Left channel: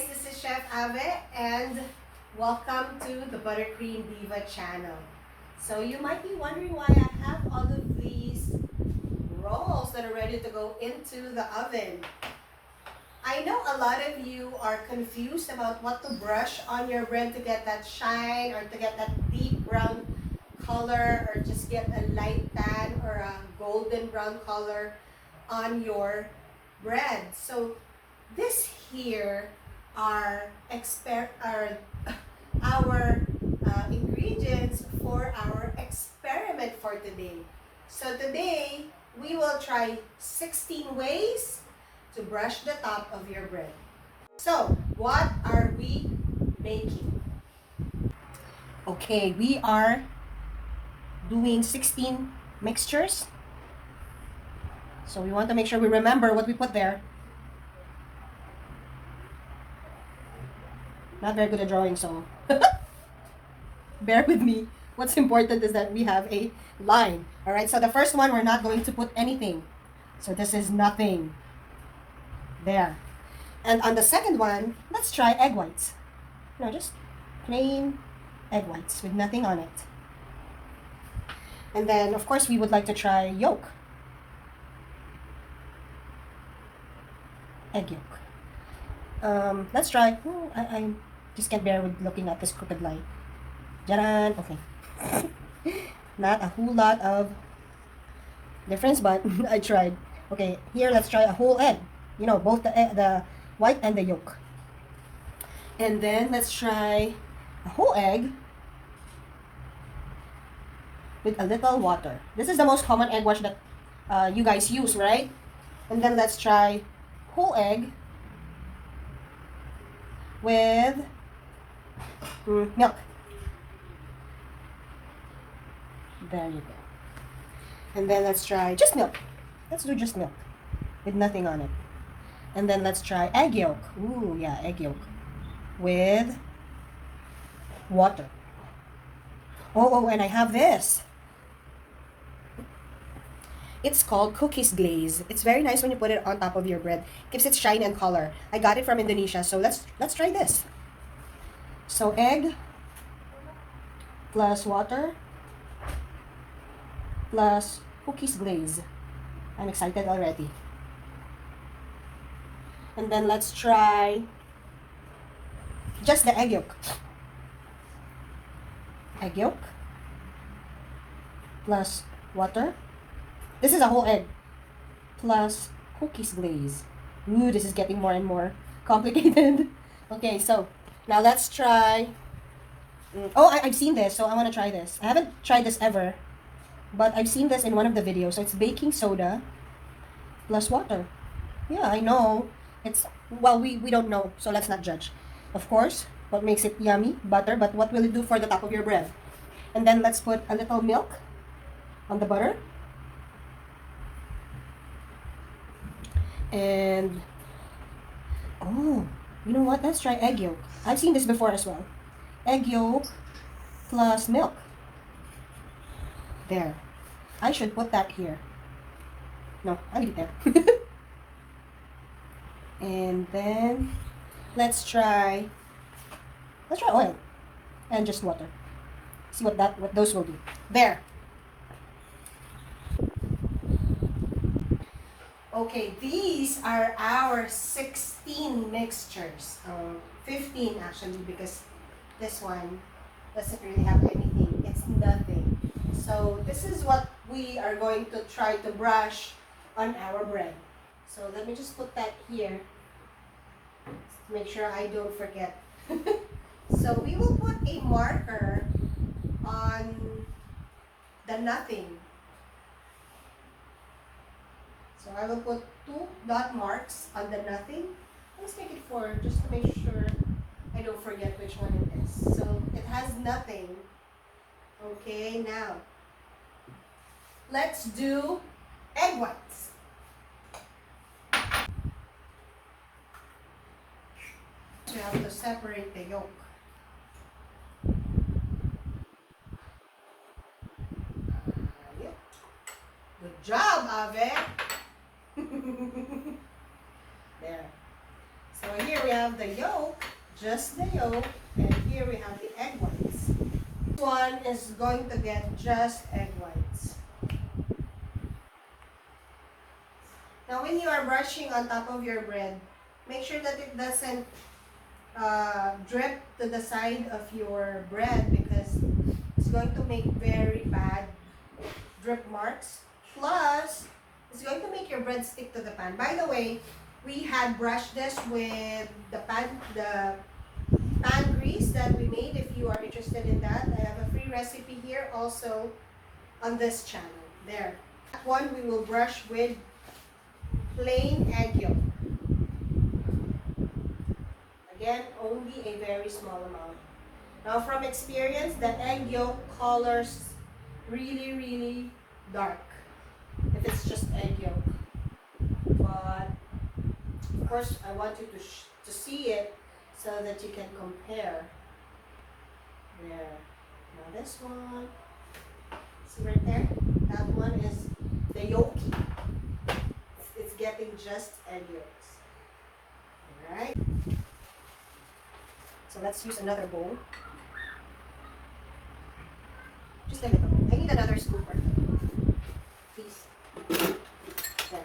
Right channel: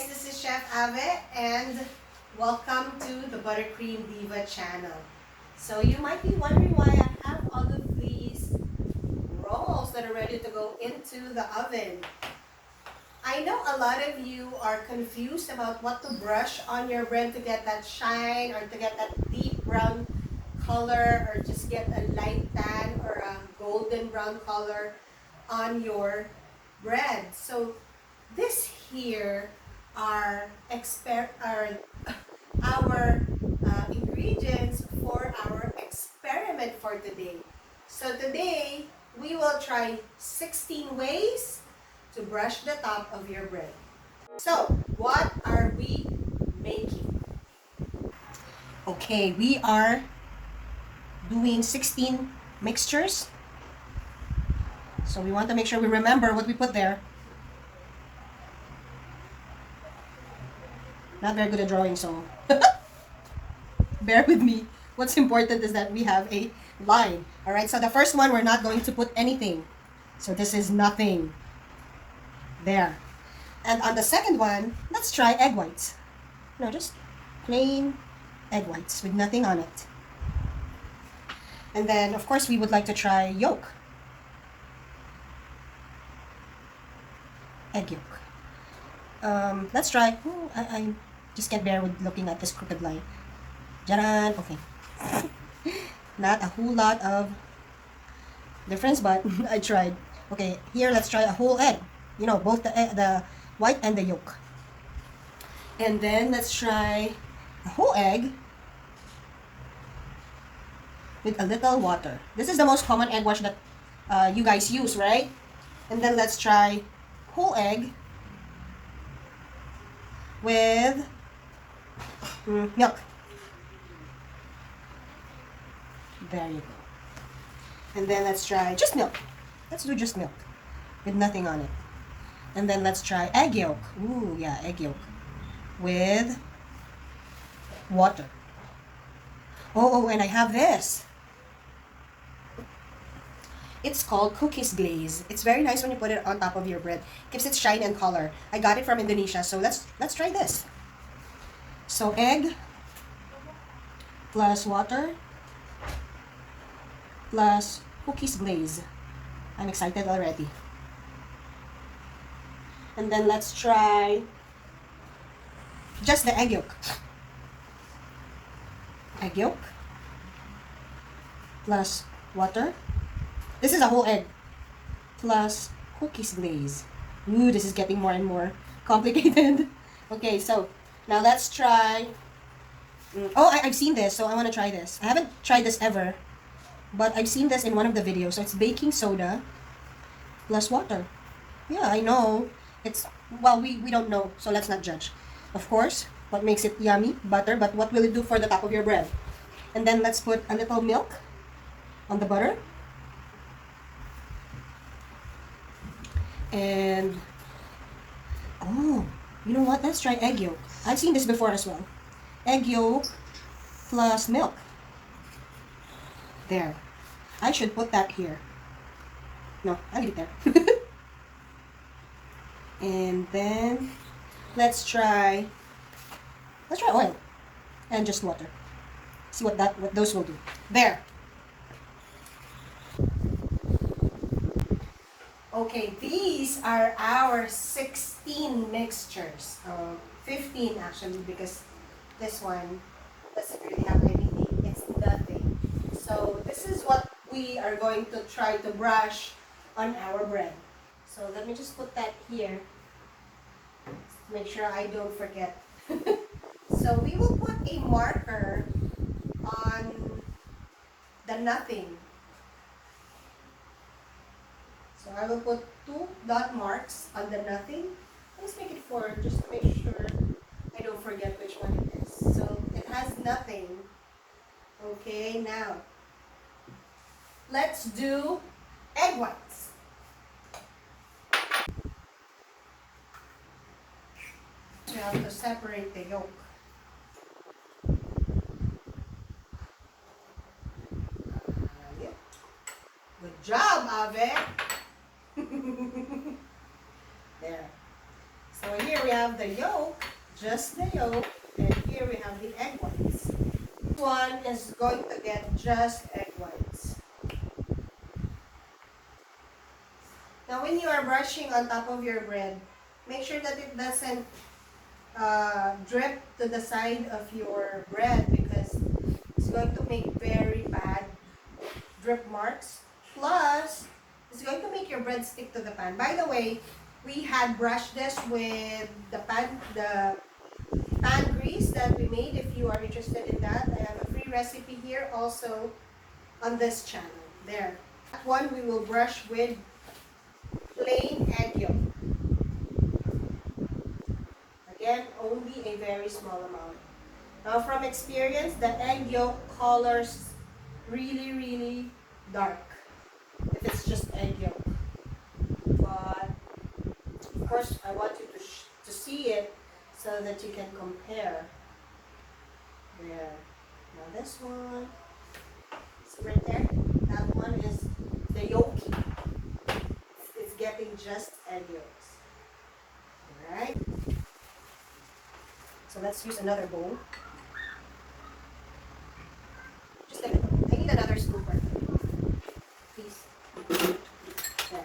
guys, this is Chef Ave and welcome to the Buttercream Diva channel. So you might be wondering why I have all of these rolls that are ready to go into the oven. I know a lot of you are confused about what to brush on your bread to get that shine or to get that deep brown color or just get a light tan or a golden brown color on your bread. So this here are our ingredients for our experiment for today. So today we will try 16 ways to brush the top of your bread. So what are we making? Okay, we are doing 16 mixtures. So we want to make sure we remember what we put there. Not very good at drawing, so bear with me. What's important is that we have a line. All right, so the first one, we're not going to put anything. So this is nothing. There. And on the second one, let's try egg whites. No, just plain egg whites with nothing on it. And then, of course, we would like to try yolk. Egg yolk. Let's try. I just can't bear with looking at this crooked line. Jaran. Okay. Not a whole lot of difference, but I tried. Okay, here let's try a whole egg. You know, both the white and the yolk. And then let's try a whole egg with a little water. This is the most common egg wash that you guys use, right? And then let's try whole egg with milk. There you go. And then let's try just milk. Let's do just milk with nothing on it. And then let's try egg yolk. Ooh, yeah, egg yolk with water. Oh, and I have this. It's called cookies glaze. It's very nice when you put it on top of your bread. Gives it shine and color. I got it from Indonesia, so let's try this. So egg plus water plus cookies glaze. I'm excited already. And then let's try just the egg yolk. Egg yolk plus water. This is a whole egg plus cookies glaze. Ooh, this is getting more and more complicated. Okay, so now let's try. I've seen this, so I want to try this. I haven't tried this ever, but I've seen this in one of the videos. So it's baking soda plus water. Yeah, I know. It's, well, we don't know, so let's not judge. Of course, what makes it yummy? Butter, but what will it do for the top of your bread? And then let's put a little milk on the butter. And, oh, you know what? Let's try egg yolk. I've seen this before as well. Egg yolk plus milk. There. I should put that here. No, I'll leave it there. And then let's try oil and just water. See what those will do. There. Okay, these are our 16 mixtures. 15 actually, because this one doesn't really have anything. It's nothing. So this is what we are going to try to brush on our bread. So let me just put that here. Make sure I don't forget. So we will put a marker on the nothing. So I will put 2 dot marks on the nothing. Let's make it 4 just to make sure I don't forget which one it is. So it has nothing. Okay, now let's do egg whites. You have to separate the yolk. Good job, Ave. There. So So here we have the yolk, just the yolk, and here we have the egg whites. This one is going to get just egg whites. Now when you are brushing on top of your bread, make sure that it doesn't drip to the side of your bread because it's going to make very bad drip marks. Plus, it's going to make your bread stick to the pan. By the way, we had brushed this with the pan grease that we made. If you are interested in that, I have a free recipe here also on this channel. There. That one we will brush with plain egg yolk. Again, only a very small amount. Now from experience, the egg yolk colors really, really dark if it's just egg yolk. But of course, I want you to see it so that you can compare. There. Now this one, see right there? That one is the yolky. It's getting just egg yolks. Alright? So let's use another bowl. Just a little. I need another scooper. Please. There.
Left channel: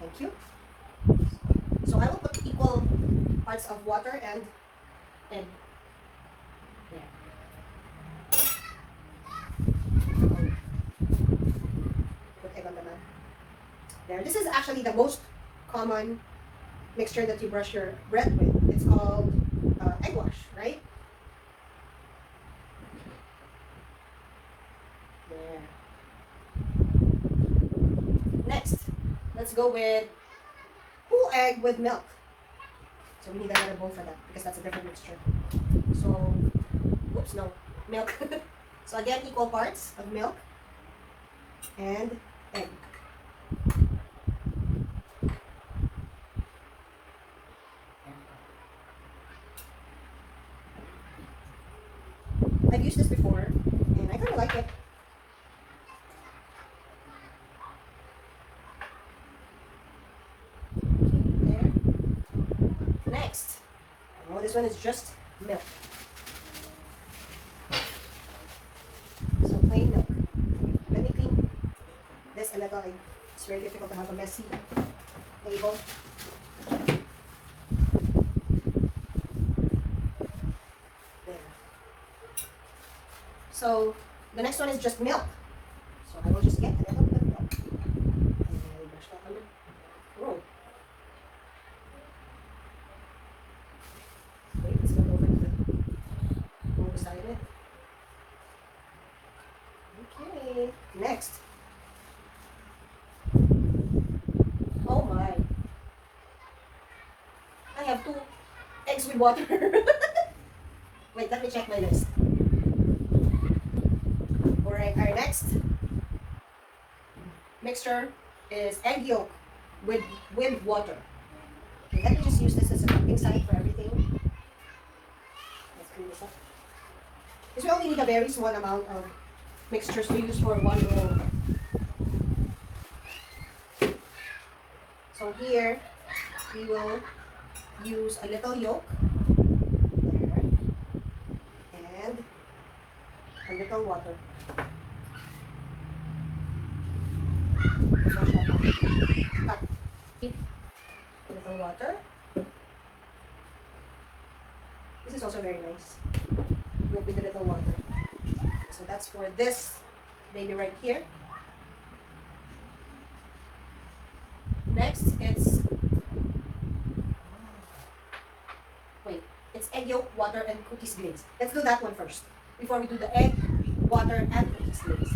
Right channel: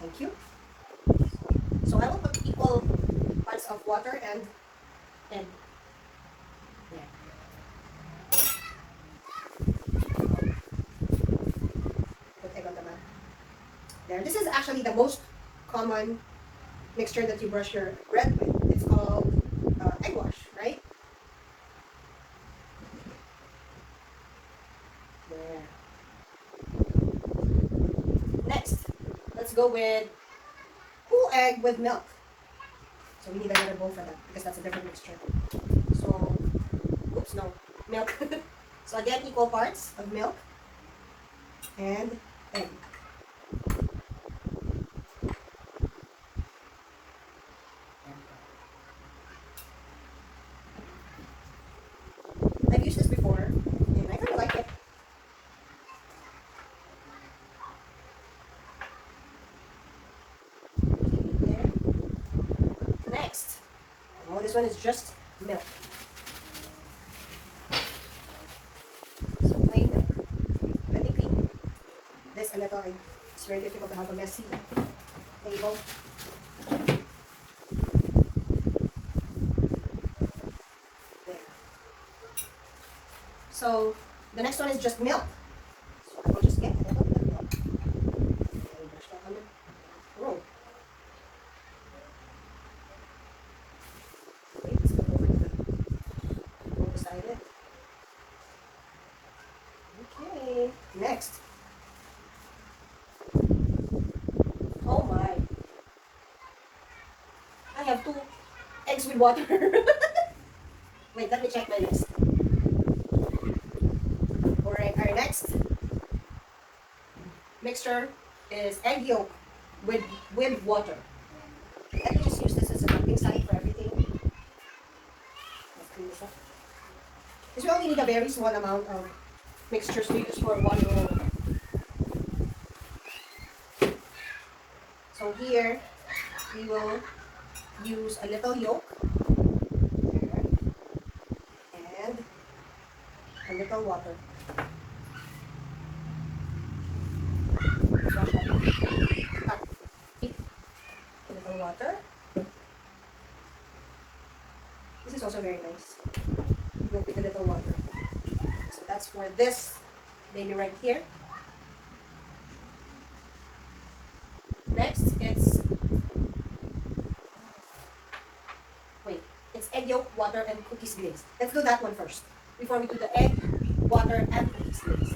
Thank you. So I will put equal parts of water and egg. There. Put egg on the mat. There. This is actually the most common mixture that you brush your bread with. It's called egg wash, right? There. Next, let's go with whole egg with milk. So we need another bowl for that because that's a different mixture. So, oops, no, milk. So again, equal parts of milk and egg. I've used this before, and I kind of like it. Okay, there. Next. Oh, this one is just milk. So plain milk. Let me clean this a little. It's very difficult to have a messy table. So the next one is just milk. So I will just get a little bit of milk. And brush that on the roll. Wait, let's go over to the roll beside it. Okay, next. Oh my. I have 2 eggs with water. Wait, let me check my list. Our next mixture is egg yolk with water. Let me just use this as a dumping site for everything. Let's clean this up. Because we only need a very small amount of mixtures to use for one roll. So here we will use a little yolk and a little water. A little water. This is also very nice. With a little water. So that's for this baby right here. Next, it's egg yolk, water, and cookies glaze. Let's do that one first before we do the egg, water, and cookies glaze.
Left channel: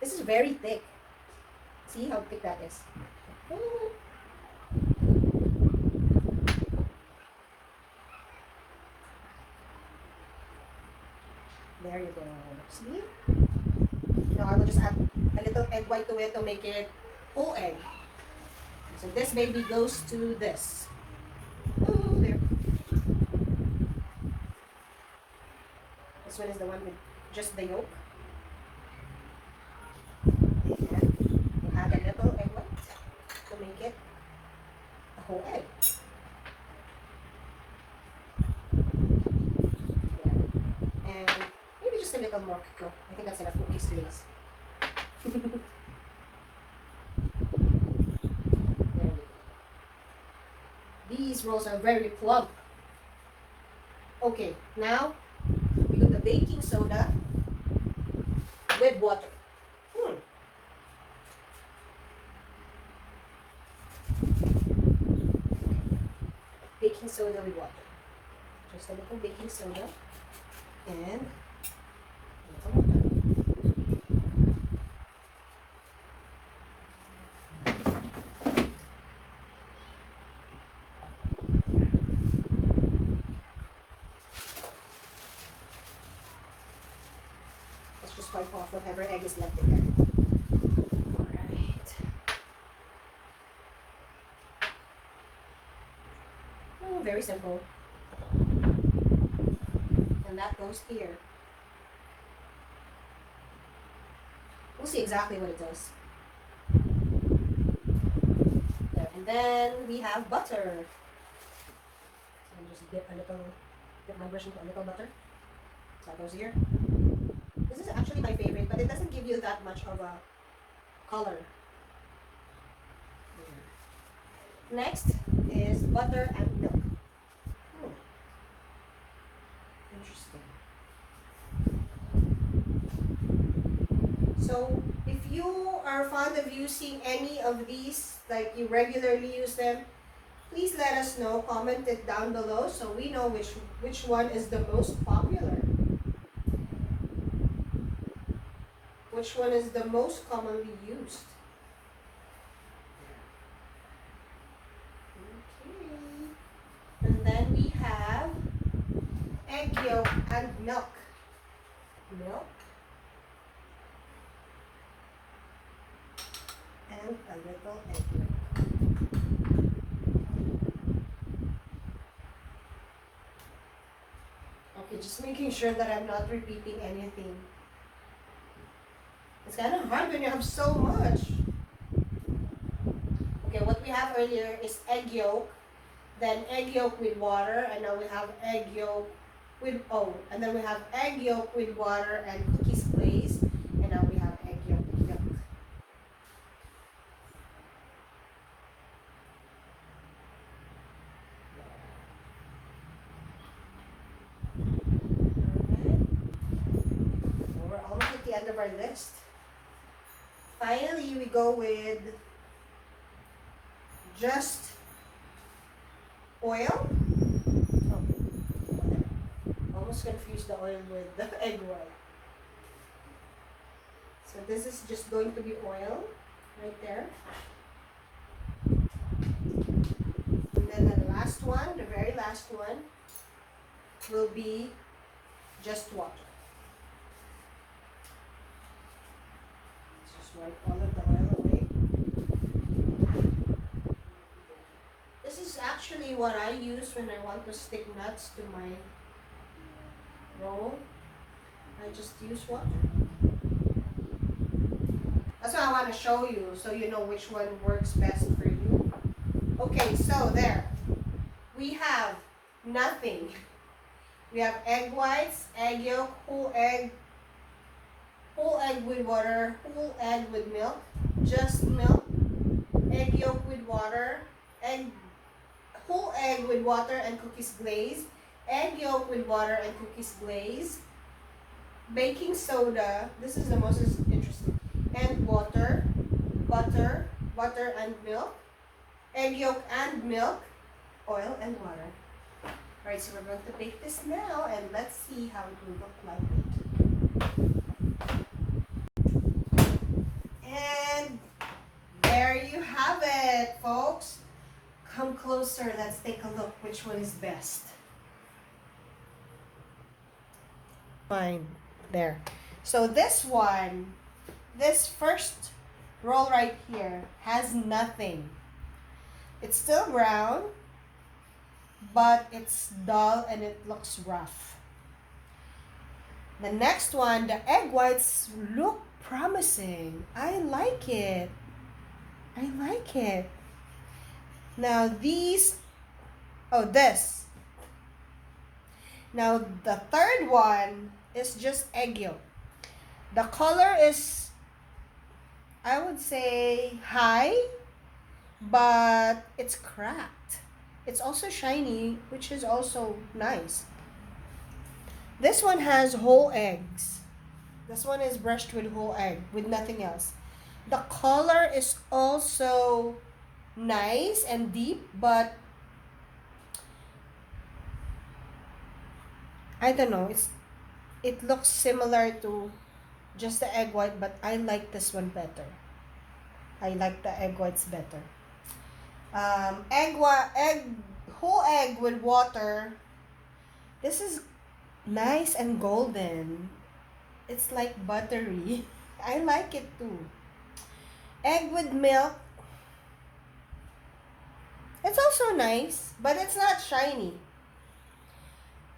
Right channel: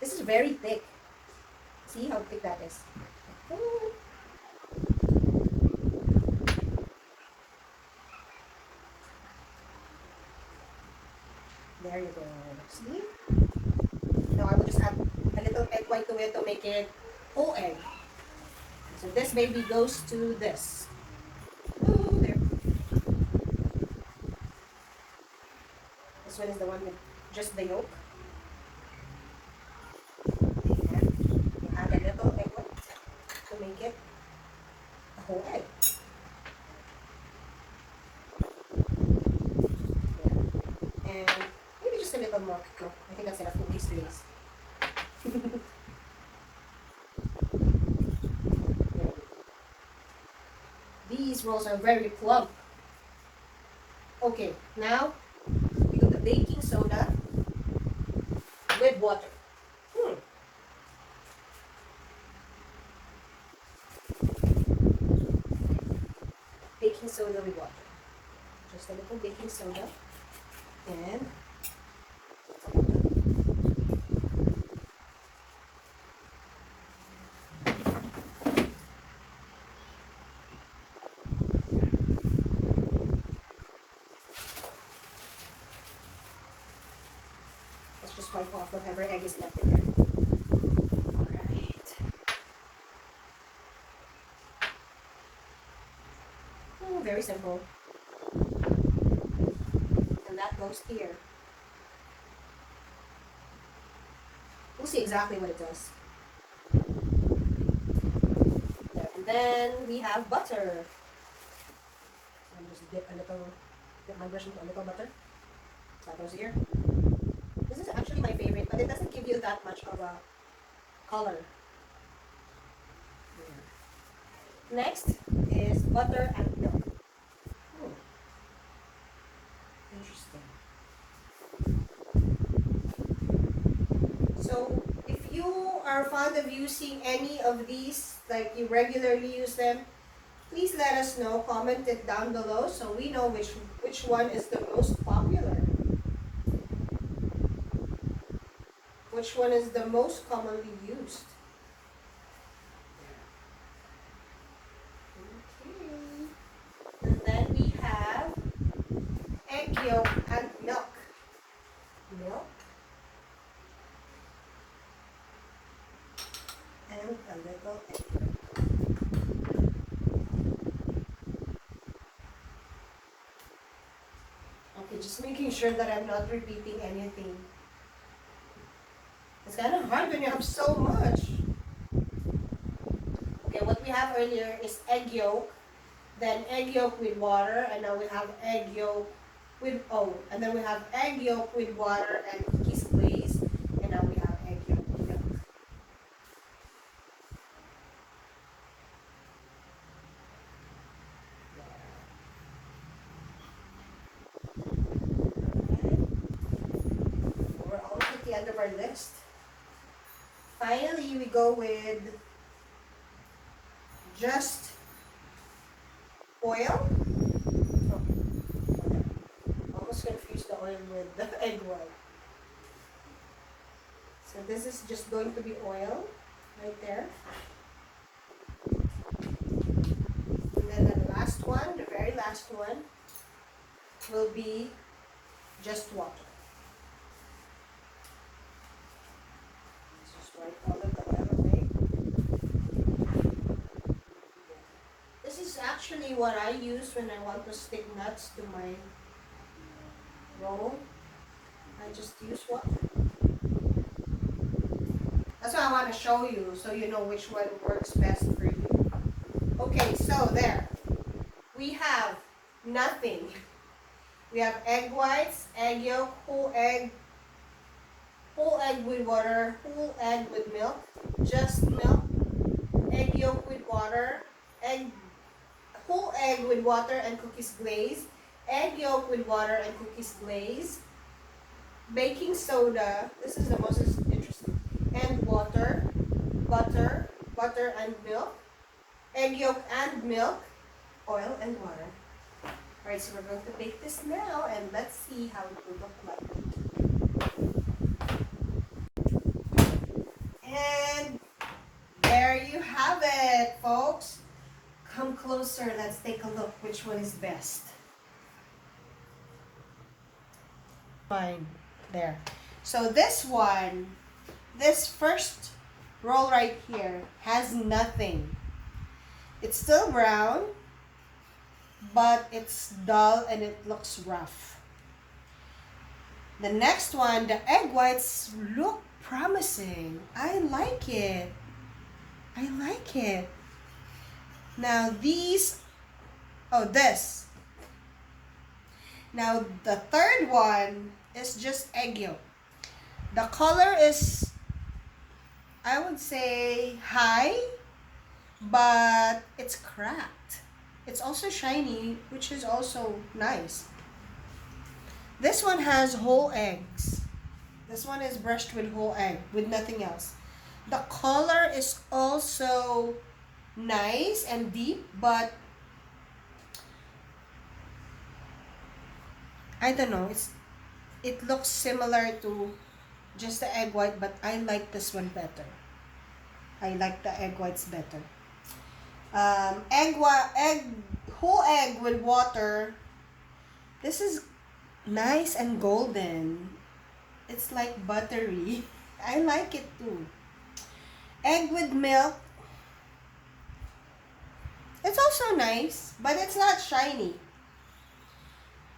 This is very thick. See how thick that is. There you go. See? Now I will just add a little egg white to it to make it whole egg. So this baby goes to this. Ooh, there. This one is the one with just the yolk. And you add a little egg white to make it whole egg. There. And maybe just a little more cocoa. I think that's enough cookies glaze. These rolls are very plump. Okay, now we do the baking soda with water. Baking soda with water. Just a little baking soda and let's just wipe off whatever egg is left in there. Alright. Oh, very simple. And that goes here. We'll see exactly what it does. There. And then we have butter. So I'm just dip my brush into a little butter. That goes here. This is actually my favorite, but it doesn't give you that much of a color. There. Next is butter and milk. Interesting. So if you are fond of using any of these, like you regularly use them, please let us know. Comment it down below so we know which one is the most popular. Which one is the most commonly used? Okay. And then we have egg yolk and milk. Milk. And a little egg yolk. Okay, just making sure that I'm not repeating anything. It's kind of hard when you have so much. Okay, what we have earlier is egg yolk, then egg yolk with water, and now we have egg yolk with, and then we have egg yolk with water and cookies glaze, and now we have egg yolk with milk. Okay. We're almost at the end of our list. Finally, we go with just oil. Oh, okay. Almost confused the oil with the egg white. So this is just going to be oil right there. And then the last one, the very last one, will be just water. Let's just wipe all of the oil away. This is actually what I use when I want to stick nuts to my roll. I just use water. That's what I want to show you so you know which one works best for you. Okay, so there. We have nothing. We have egg whites, egg yolk, whole egg with water, whole egg with milk, just milk, egg yolk with water, whole egg with water and cookies glaze, egg yolk with water and cookies glaze, baking soda, this is the most interesting, and water, butter and milk, egg yolk and milk, oil and water. Alright, so we're going to bake this now and let's see how it will look like. And there you have it, folks. Come closer, let's take a look which one is best. Fine, there. So this one, this first roll right here has nothing. It's still brown, but it's dull and it looks rough. The next one, the egg whites look promising. I like it. I like it. Now these, oh, this. Now the third one is just egg yolk. The color is, I would say, high, but it's cracked. It's also shiny, which is also nice. This one has whole eggs. This one is brushed with whole egg, with nothing else. The color is also nice and deep, but I don't know. It looks similar to just the egg white, but I like this one better. I like the egg whites better. Whole egg with water. This is nice and golden. It's like buttery. I like it too. Egg with milk. It's also nice, but it's not shiny.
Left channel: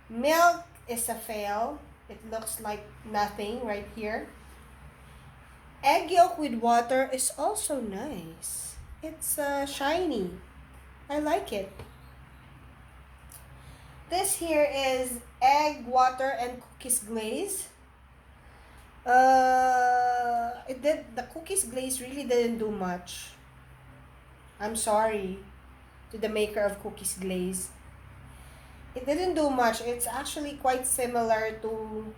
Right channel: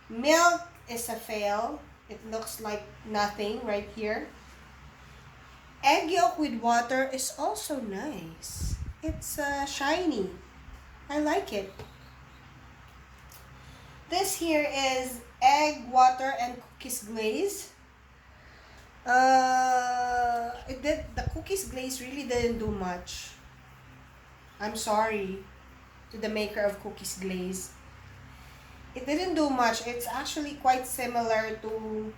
Milk is a fail. It looks like nothing right here. Egg yolk with water is also nice. It's shiny. I like it. This here is egg, water, and cookies glaze. The cookies glaze really didn't do much. I'm sorry to the maker of cookies glaze. It didn't do much. It's actually quite similar to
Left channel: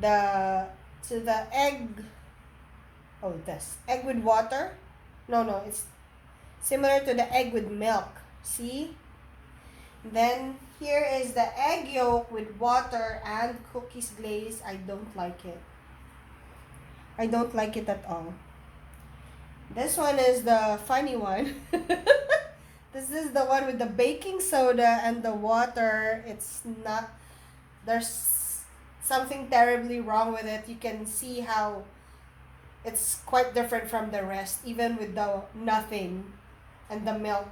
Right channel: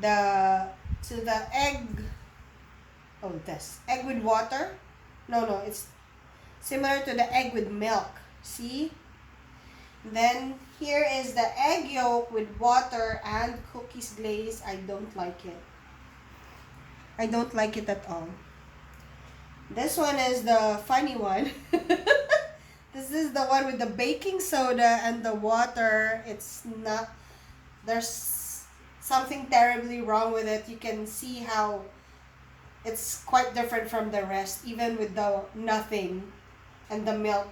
the egg. Oh, this egg with water. No, it's similar to the egg with milk. See? Then here is the egg yolk with water and cookies glaze. I don't like it. I don't like it at all. This one is the funny one. This is the one with the baking soda and the water. It's not, there's something terribly wrong with it. You can see how it's quite different from the rest, even with the nothing and the milk.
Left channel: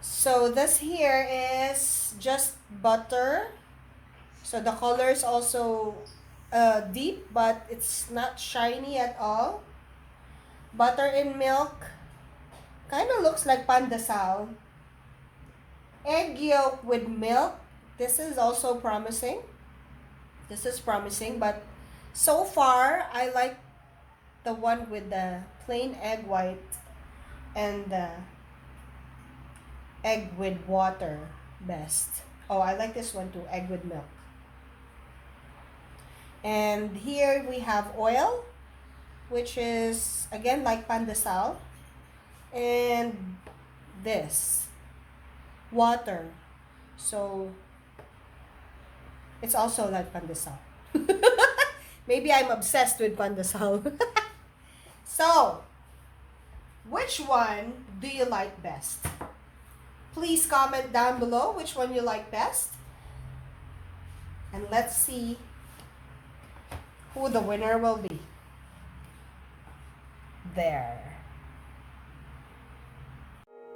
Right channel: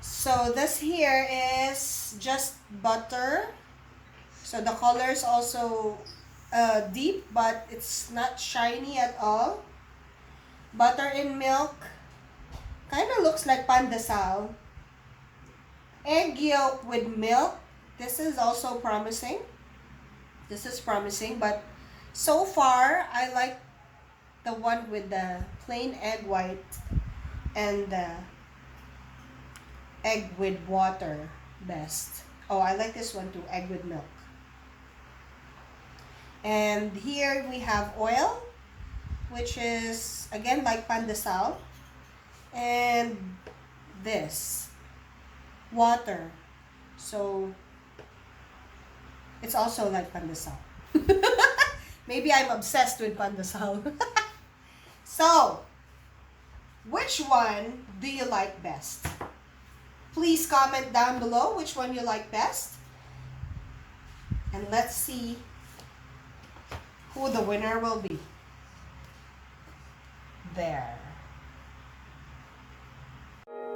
So this here is just butter. So the color is also deep, but it's not shiny at all. Butter in milk. Kind of looks like pandesal. Egg yolk with milk. This is also promising. This is promising, but so far I like the one with the plain egg white and the egg with water best. Oh, I like this one too, egg with milk. And here we have oil, which is again like pandesal. And this, water. So it's also like pandesal. Maybe I'm obsessed with pandesal. So, which one do you like best? Please comment down below which one you like best. And let's see who the winner will be. There.